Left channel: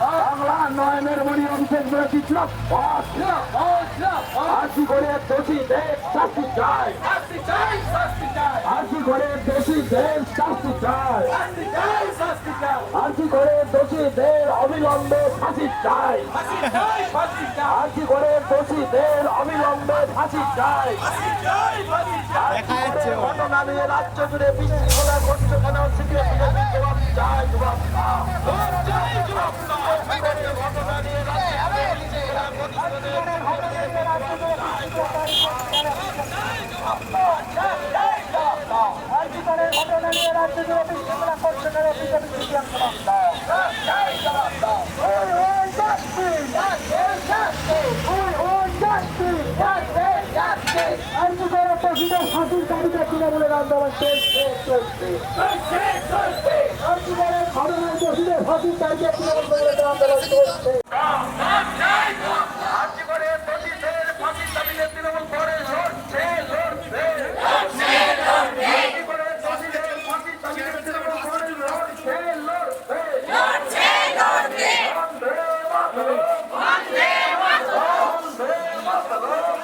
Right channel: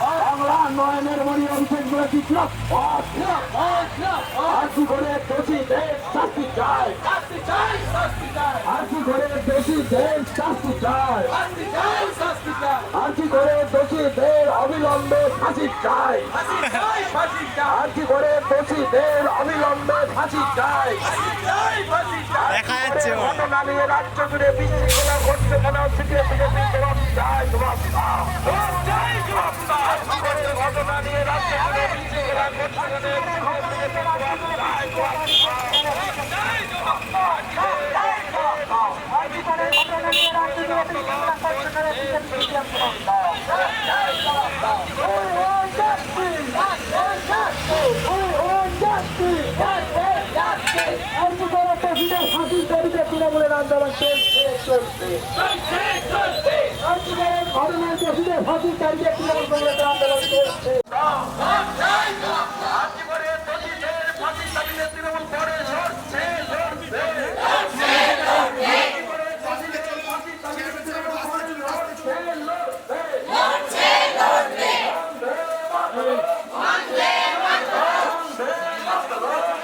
বাংলা নয়নের মণি অভিষেক করে বিপ্লব। আর্জি করে দোষী দেশ শাস্তি চায়? আর্জি করে দোষী দেশ শাস্তি চায়? আর্জি করে দোষীদের অবিলম্বে ফাঁসি চায়? আর্জি করে দোষীদের অবিলম্বে ফাঁসি চায়? দেখা যাচ্ছে। রাজ্য জুড়ে বিশৃঙ্খলা ঘটছে কেন সেটি বিজেপি জবাব চায় জবাব দাও। ঘটনা নিয়ে রাজ্য জুড়ে বিশৃঙ্খলা ঘটছে কেন আর্জি করে ঘটনা নিয়ে রাজ্য জুড়ে বিশৃঙ্খলা ঘটছে কেন বিজেপি জবাব দাও। জবাব দাও। ওই ওই justice! ওই ওই justice! আর্জি করে তহবিলের ফাঁসির দাবিতে তৃণমূলের আন্দোলন চলছে চলছে আর্জি করে ঘটনার দোষীদের ফাঁসির দাবিতে তৃণমূলের আন্দোলন চলছে আর্জি করে দোষীদের ফাঁসির দাবিতে তৃণমূল করে লড়ছে লড়ছে আর্জি করে দোষীদের ফাঁসির দাবিতে তৃণমূল করে লড়ছে লড়ছে বন্দে মাতরম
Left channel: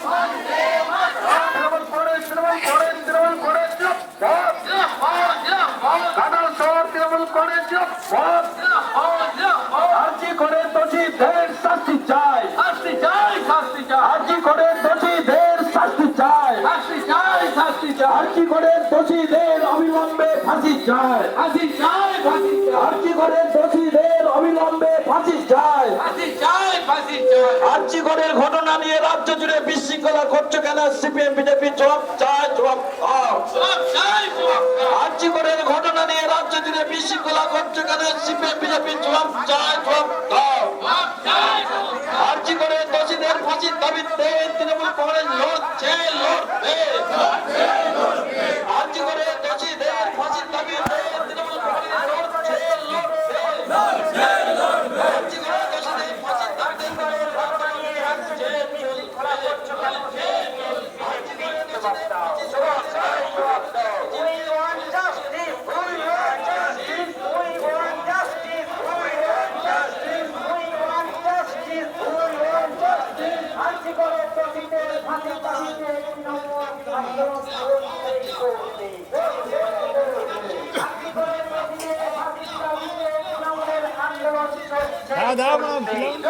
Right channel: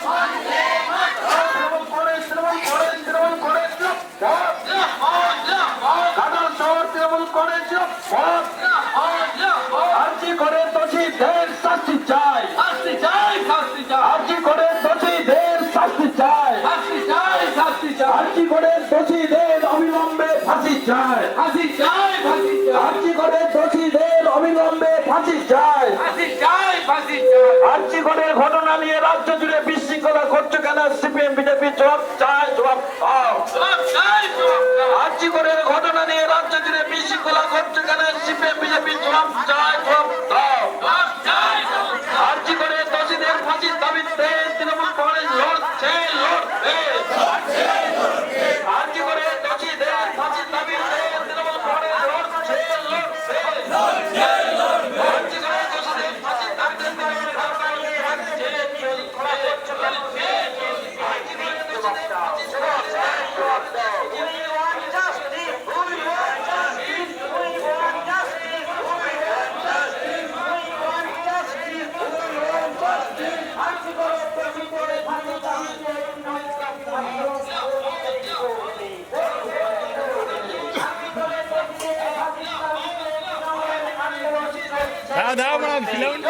বন্দে মাতরম তৃণমূল করে তৃণমূল করে তৃণমূল করে কাদাল শহর তৃণমূল করে আর্জি করে দোষীদের শাস্তি চাই। শাস্তি চাই শাস্তি চাই। আর্জি করে দোষীদের শাস্তি চাই। শাস্তি চাই শাস্তি চাই। আর্জি করে দোষীদের অবিলম্বে ফাঁসি চাই। ফাঁসি চাই ফাঁসি চাই। আর্জি করে দোষীদের অবিলম্বে ফাঁসি চাই। ফাঁসি চাই ফাঁসি চাই। আর্জি করে ঘটনা নিয়ে রাজ্য জুড়ে বিশৃঙ্খলা ঘটছে কেন? সিপিএম বিজেপি জবাব চায় জবাব চাই રાધા પણ ખીલવણ